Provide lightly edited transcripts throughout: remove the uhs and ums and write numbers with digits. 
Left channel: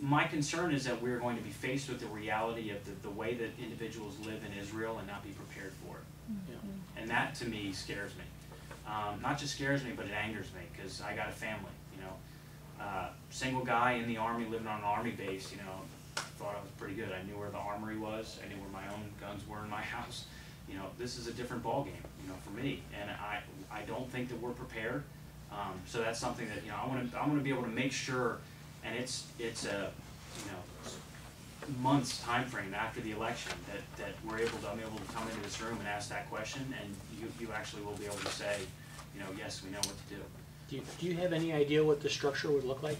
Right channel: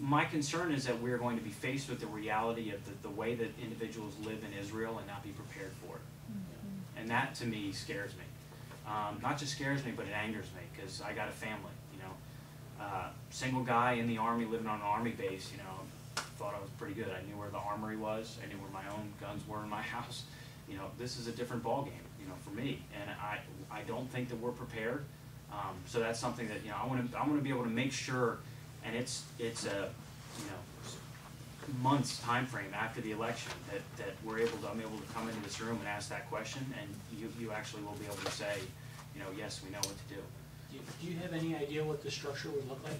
my concern is that we're going to be faced with the reality of the way that individuals live in Israel and not be prepared for it. Yeah. And that, to me, scares me. Not just scares me, but it angers me, because I got a family, you know. Single guy in the Army, living on an Army base, you know, thought I was pretty good. I knew where the armory was. I knew where my own guns were in my house. You know, this is a different ballgame, you know, for me. And I don't think that we're prepared. So that's something that, you know, I want to be able to make sure, and it's a, you know, months time frame after the election that I'm able to come into this room and ask that question, and you actually will be able to say, you know, yes, we know what to do. Do you have any idea what the structure would look like?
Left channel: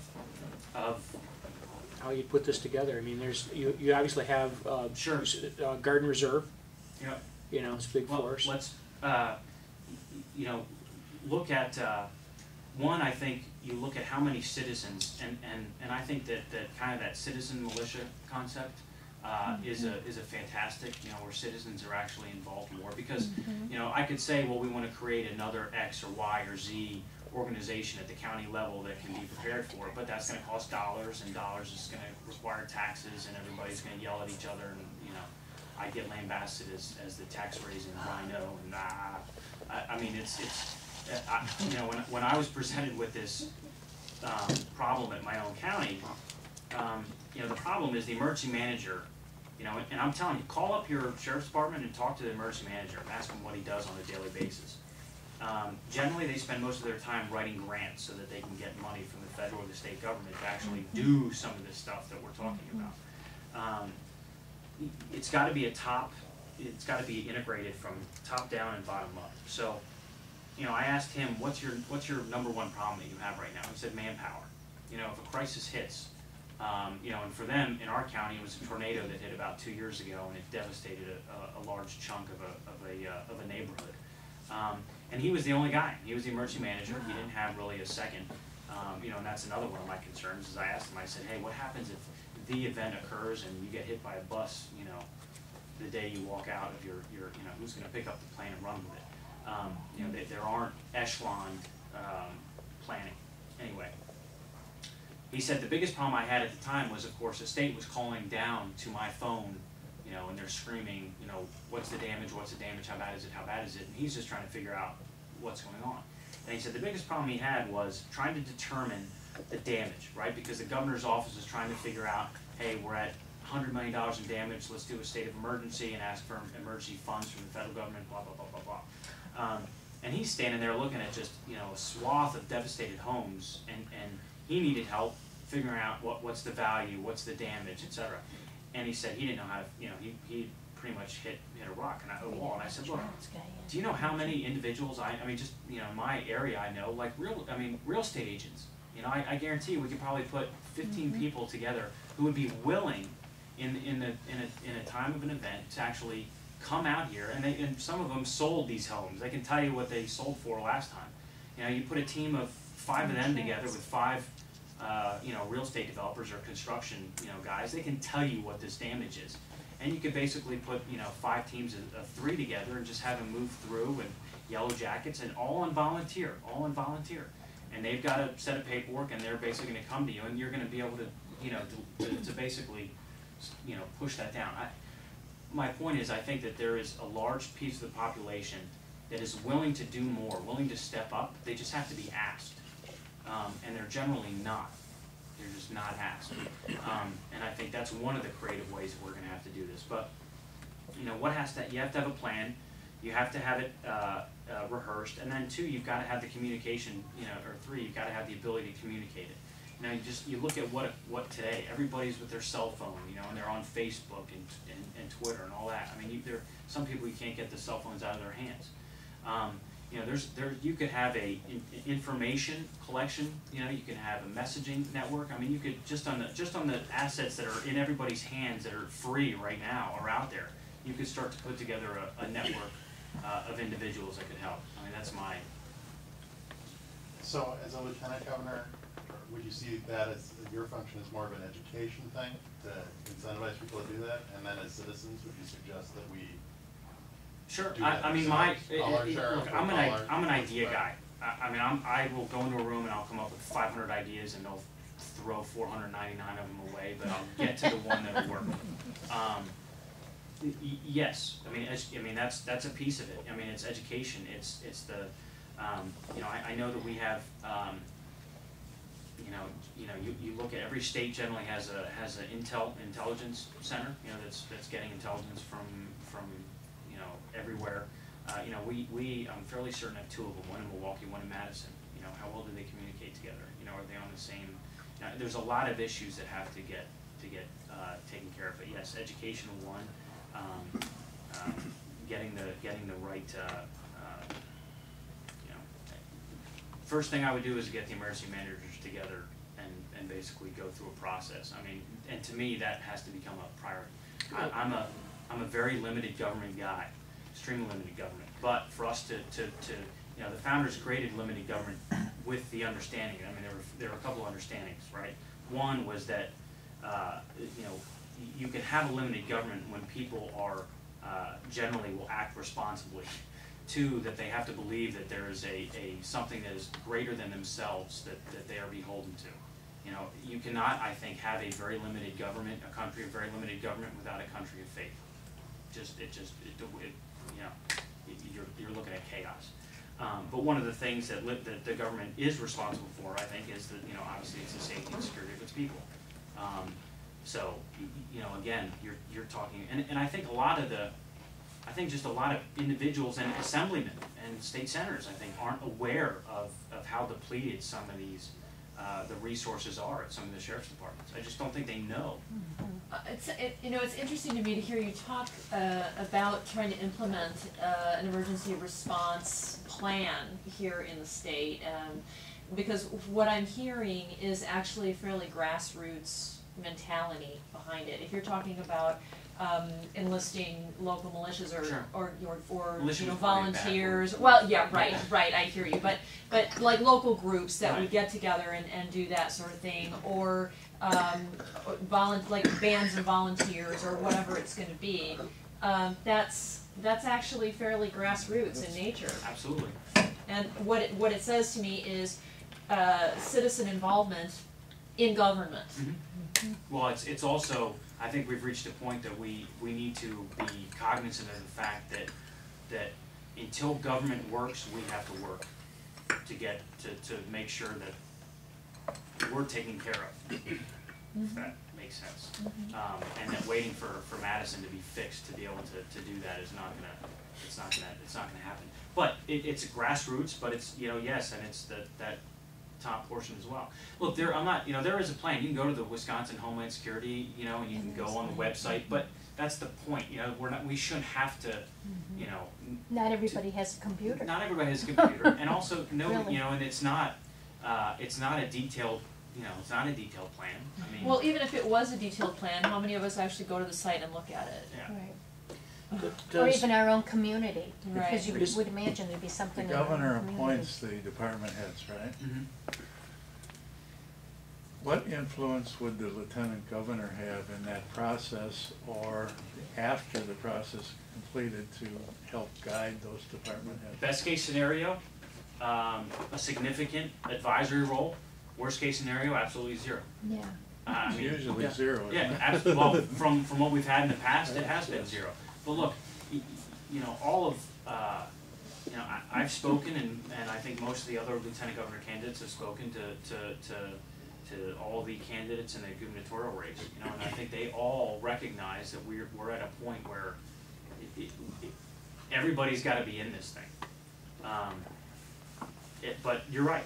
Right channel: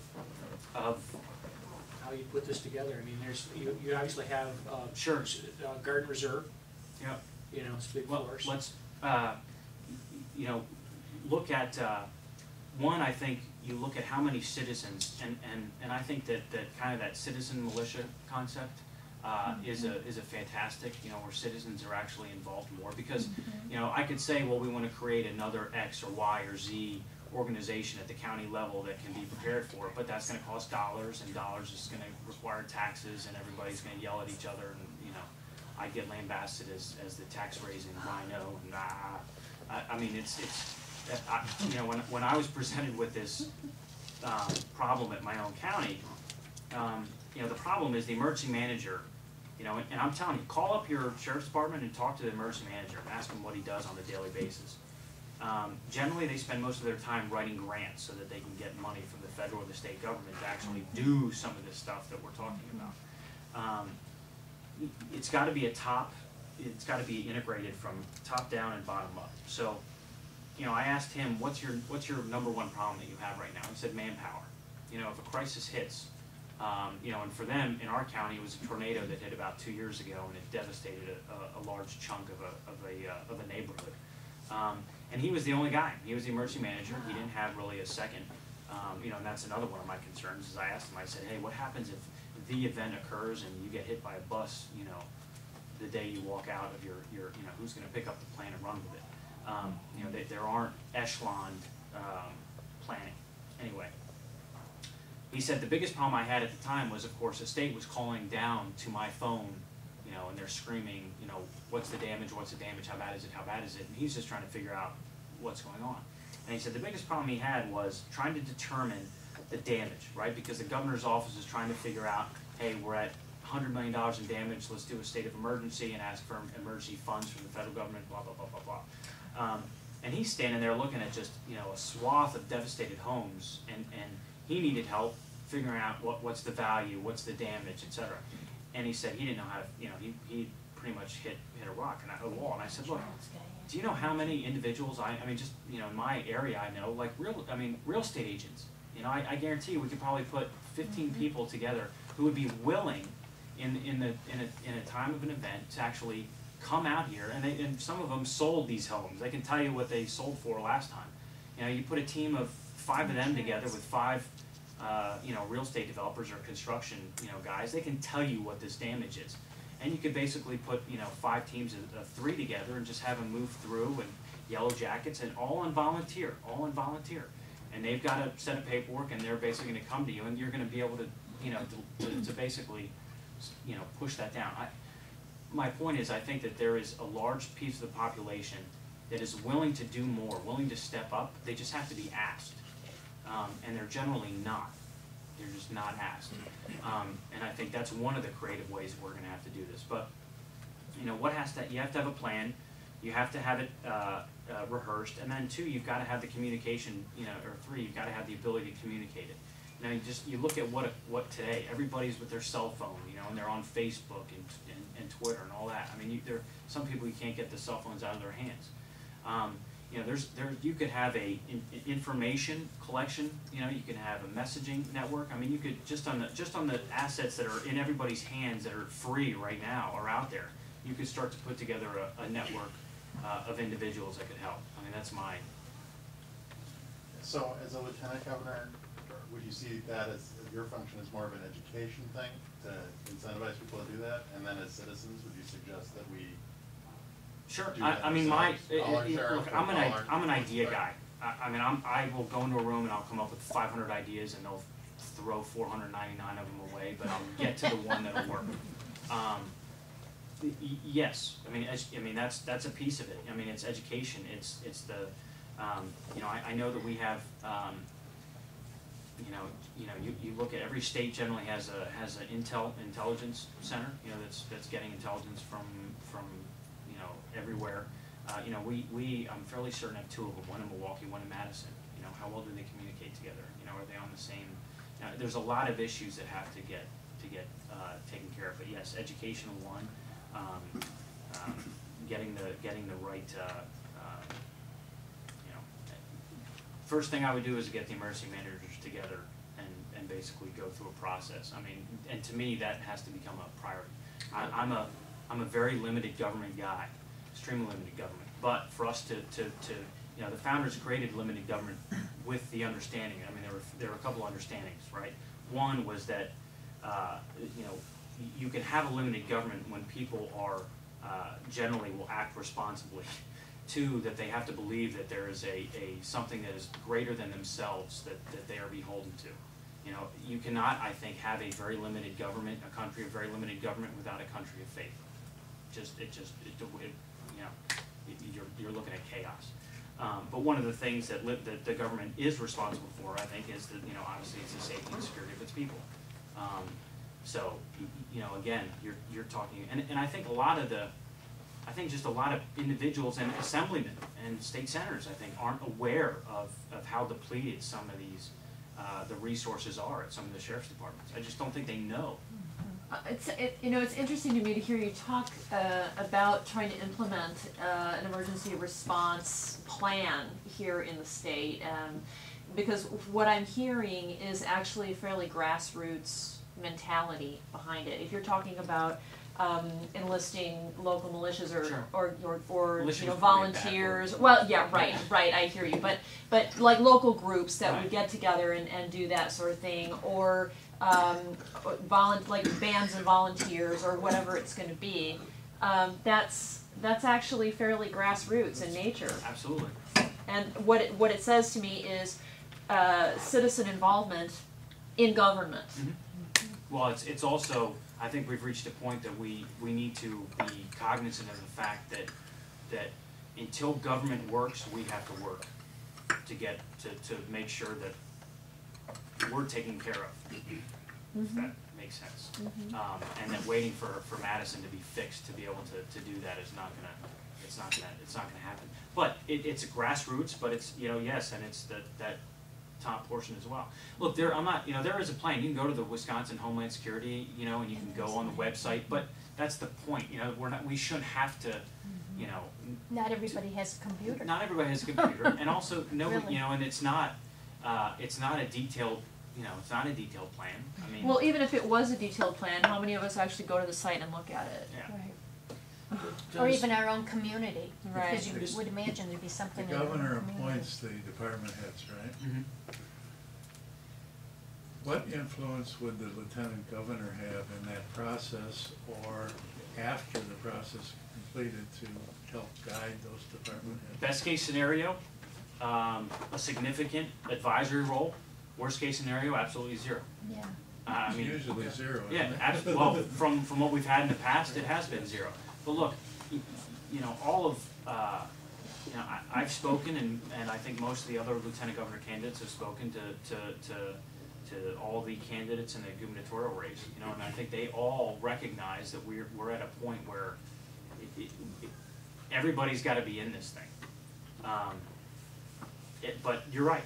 Of how you'd put this together? I mean, you obviously have sure. Garden Reserve. Yeah. You know, it's big forest. Let's you know, look at one. I think you look at how many citizens, and I think that kind of that citizen militia concept is a fantastic, you know, where citizens are actually involved more, because you know, I could say, well, we want to create another X or Y or Z organization at the county level that can be prepared for it, but that's going to cost dollars, and dollars is going to require taxes, and everybody's going to yell at each other, and you know, I get lambasted as the tax raising rhino, and I mean, it's you know, when I was presented with this problem at my own county, you know, the problem is the emergency manager, you know, and I'm telling you, call up your sheriff's department and talk to the emergency manager and ask him what he does on a daily basis. Generally, they spend most of their time writing grants so that they can get money from the federal or the state government to actually do some of this stuff that we're talking about. It's got to be it's got to be integrated from top down and bottom up. So, you know, I asked him, what's your number one problem that you have right now? He said manpower. You know, if a crisis hits, you know, and for them in our county, it was a tornado that hit about 2 years ago, and it devastated a large chunk of a neighborhood. And he was the only guy. He was the emergency manager. He didn't have really a second. You know, and that's another one of my concerns. Is I asked him, I said, hey, what happens if the event occurs and you get hit by a bus? You know, the day you walk out of your you know, who's going to pick up the plane and run with it? You know, there aren't echeloned planning. Anyway, he said the biggest problem I had at the time was, of course, the state was calling down to my phone, you know, and they're screaming, you know, what's the damage, how bad is it, how bad is it? And he's just trying to figure out what's going on. And he said the biggest problem he had was trying to determine the damage, right? Because the governor's office is trying to figure out, hey, we're at $100 million in damage, let's do a state of emergency and ask for emergency funds from the federal government, blah, blah, blah, blah, blah. And he's standing there looking at just, you know, a swath of devastated homes, and he needed help figuring out what's the value, what's the damage, etc. And he said he didn't know how to, you know, he pretty much hit a rock and a wall. And I said, look, do you know how many individuals I mean, just, you know, in my area I know, like real estate agents. You know, I guarantee you we could probably put 15 people together who would be willing in a time of an event to actually come out here, and some of them sold these homes. I can tell you what they sold for last time. You know, you put a team of 5 of them together with 5 you know, real estate developers or construction, you know, guys, they can tell you what this damage is. And you could basically put, you know, 5 teams of 3 together and just have them move through, and yellow jackets, and all on volunteer. And they've got a set of paperwork, and they're basically going to come to you, and you're going to be able to, you know, to basically, you know, push that down. My point is, I think that there is a large piece of the population that is willing to do more, willing to step up. They just have to be asked, and they're generally not. They're just not asked. And I think that's one of the creative ways that we're going to have to do this. But, you know, you have to have a plan. You have to have it rehearsed, and then 2, you've got to have the communication. You know, or 3, you've got to have the ability to communicate it. You know, you look at what today, everybody's with their cell phone, you know, and they're on Facebook and Twitter and all that. I mean, there some people, you can't get the cell phones out of their hands. You know, you could have a information collection. You know, you can have a messaging network. I mean, you could just on the assets that are in everybody's hands that are free right now or out there, you could start to put together a network of individuals that could help. I mean, that's mine. So, as a lieutenant governor, would you see that as your function as more of an education thing to incentivize people to do that? And then as citizens, would you suggest that we Sure. do that I mean, look, I'm an idea guy. I mean, I will go into a room and I'll come up with 500 ideas, and they'll throw 499 of them away get to the one that'll work. Yes, I mean that's a piece of it. I mean, it's education. It's the you know, I know that we have you look at every state generally has an intelligence center, you know, that's getting intelligence from you know, everywhere. You know, I'm fairly certain have two of them, one in Milwaukee, one in Madison. You know, how well do they communicate together? You know, are they on the same? There's a lot of issues that have to get taken care of. But yes, education one, getting the right. You know, first thing I would do is get the emergency managers together and basically go through a process. I mean, and to me that has to become a priority. I'm a very limited government guy, extremely limited government. But for us to you know, the founders created limited government with the understanding. I mean, there were a couple of understandings, right? One was that you know, you can have a limited government when people are generally will act responsibly. Two, that they have to believe that there is a something that is greater than themselves that they are beholden to. You know, you cannot, I think, have a very limited government, a country of very limited government without a country of faith. You know, you're looking at chaos. But one of the things that the government is responsible for, I think, is that, you know, obviously it's the safety and security of its people. So, you know, again, you're talking, and I think just a lot of individuals and assemblymen and state senators, I think, aren't aware of how depleted some of these the resources are at some of the sheriff's departments. I just don't think they know. You know, it's interesting to me to hear you talk about trying to implement an emergency response plan here in the state, because what I'm hearing is actually a fairly grassroots mentality behind it. If you're talking about enlisting local militias or Militia you know, was probably a bad volunteers. word. Well, yeah, right. I hear you, but like local groups that would get together and do that sort of thing, or like bands and volunteers or whatever it's going to be. That's actually fairly grassroots in nature. Absolutely. And what it says to me is citizen involvement in government. Mm-hmm. Well, it's also, I think we've reached a point that we need to be cognizant of the fact that until government works, we have to work to get to make sure that we're taken care of. If that makes sense. And then waiting for Madison to be fixed to be able to do that is not gonna happen. But it's a grassroots, but it's, you know, yes, and it's that top portion as well. Look, there is a plan. You can go to the Wisconsin Homeland Security, you know, and you can go on the website, but that's the point. You know, we shouldn't have to, you know. Not everybody has a computer. Not everybody has a computer, and also Really? you know, and it's not a detailed. You know, it's not a detailed plan. I mean, Well, even if it was a detailed plan, how many of us actually go to the site and look at it? yeah. Right. Does- Or even our own community, Right. because you Does- would imagine there'd be The something in our own governor community. appoints the department heads, right? Mm-hmm. What influence would the lieutenant governor have in that process or after the process completed to help guide those department heads? Best case scenario, a significant advisory role. Worst case scenario, absolutely zero. Yeah. I It's mean, usually zero, isn't yeah, it? absolutely. Well, from what we've had in the past, it has been zero. But look, you know, all of, you know, I've spoken, and I think most of the other lieutenant governor candidates have spoken to all the candidates in the gubernatorial race. You know, and I think they all recognize that we're at a point where everybody's got to be in this thing. But you're right.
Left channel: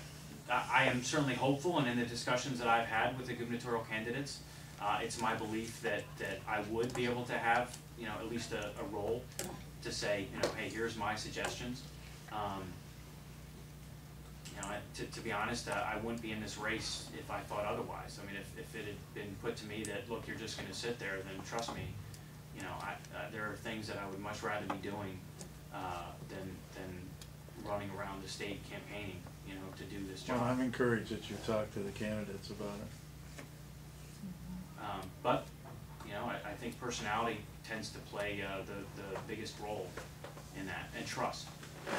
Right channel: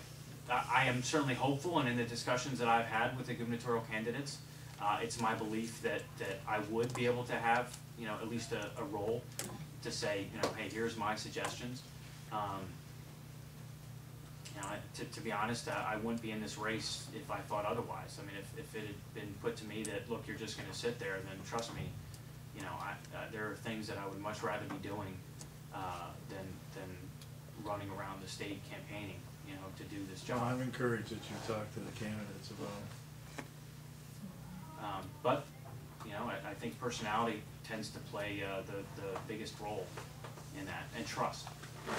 I am certainly hopeful, and in the discussions that I've had with the gubernatorial candidates, it's my belief that I would be able to have, you know, at least a role to say, you know, hey, here's my suggestions. You know, to be honest, I wouldn't be in this race if I thought otherwise. I mean, if it had been put to me that, look, you're just going to sit there, then trust me, you know, there are things that I would much rather be doing than running around the state campaigning, you know, to do this job. Well, I'm encouraged that you talk to the candidates about it. But, you know, I think personality tends to play the biggest role in that, and trust,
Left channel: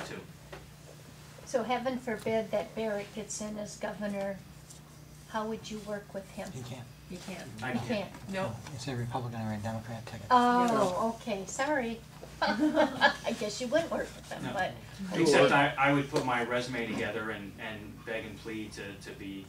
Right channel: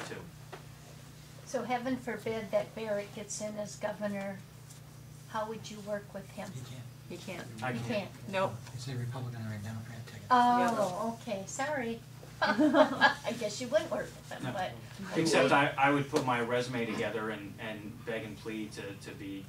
too. So heaven forbid that Barrett gets in as governor, how would you work with him? He can't. He can't. I You can't. can't. Nope. It's a Republican or a Democrat ticket. Oh, okay, sorry. I guess you wouldn't work with them, No. but. Except I would put my resume together and beg and plead to be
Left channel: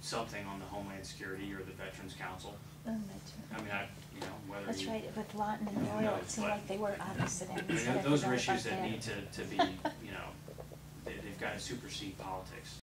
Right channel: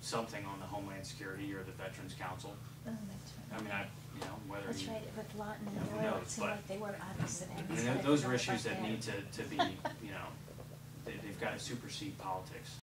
something on the Homeland Security or the Veterans Council. Oh, that's right. I mean, you know, whether That's you, right, with Lawton and Who Doyle, knows, it seemed but- like they were opposite I ends. mean, but I those are forgot issues about that need to be, you know, they've got to supersede politics.